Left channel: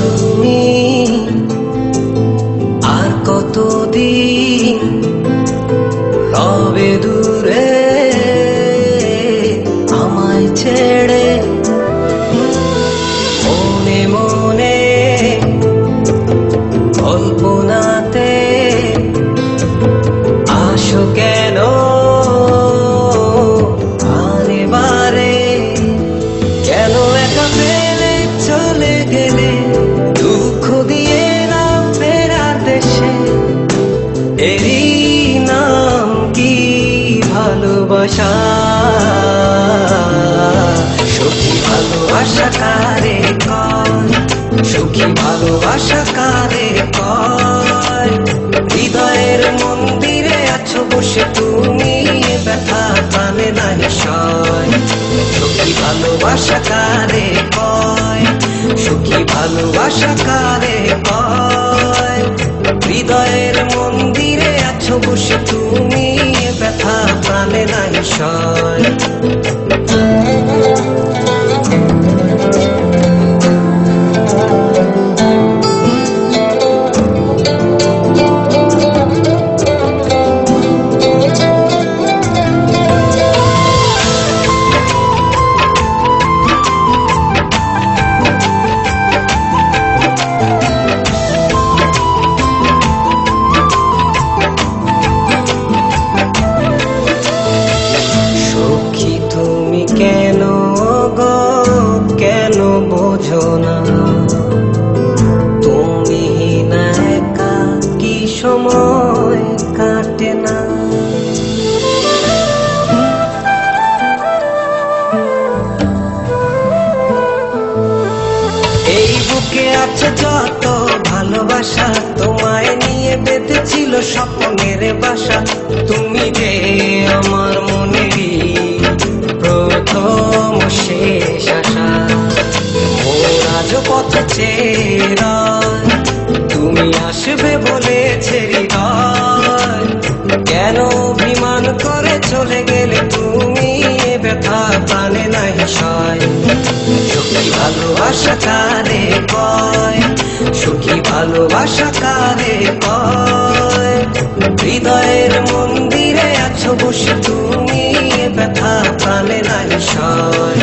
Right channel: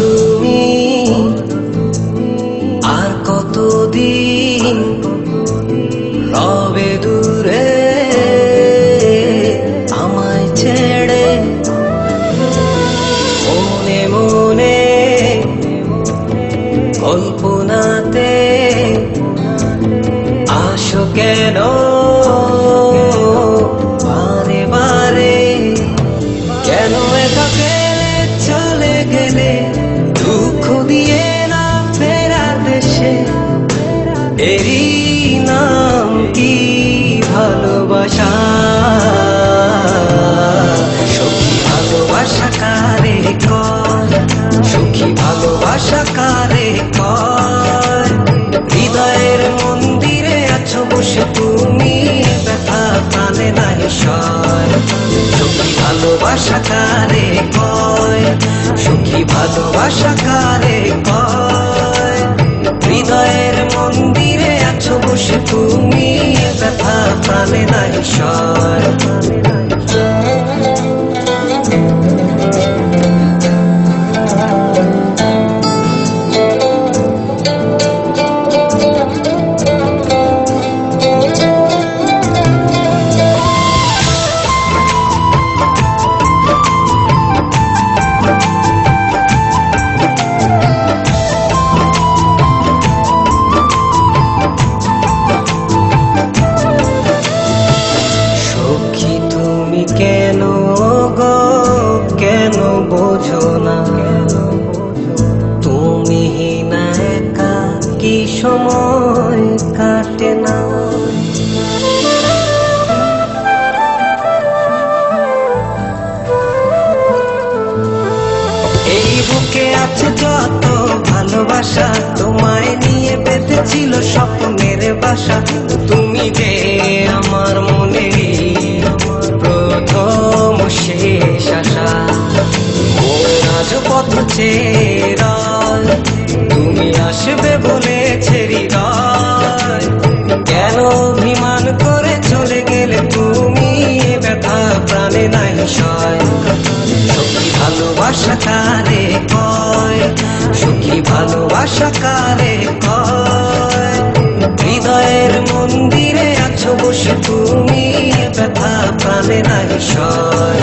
তুমি আর কতদিন রবে দূরে আমায় ছেড়ে, মনে মনে কল্পনাতে আসো কেন বারে বারে, কেন একা ফেলে চলে গেলে দুঃখ দিয়ে না ফেরার দেশে, এরই নাম কি ভালোবাসা? সখী ভালোবাসা কারে কয়, সখী ভালোবাসা কারে কয়? হৃদয়ের মন্দিরে আছো বসে তুমি, ব্যথা প্রাণে নাহি সয়। সখী ভালোবাসা কারে কয়, সখী ভালোবাসা কারে কয়? হৃদয়ের মন্দিরে আছো বসে তুমি, ব্যথা প্রাণে নাহি সয়। তুমি কেন গো কেন বোঝো না, তুমি না একা কি সময় কাটে না? এই বুকে আছে যত ভালোবাসা, তোমায় নিয়ে বেঁধেছিল স্বপ্নের বাসা। তুমি যে আমার মনেরই প্রথম শেষ আশা, মন আজ পথ চেয়ে, তুমি আসবে বলেছে হৃদয়। কেন অভিমান করে চলে গেলে তুমি, ব্যথা প্রাণে নাহি সয়। সখী ভালোবাসা কারে কয়, সখী ভালোবাসা কারে কয়? হৃদয়ের মন্দিরে আছো বসে তুমি, ব্যথা প্রাণে নাহি সয়।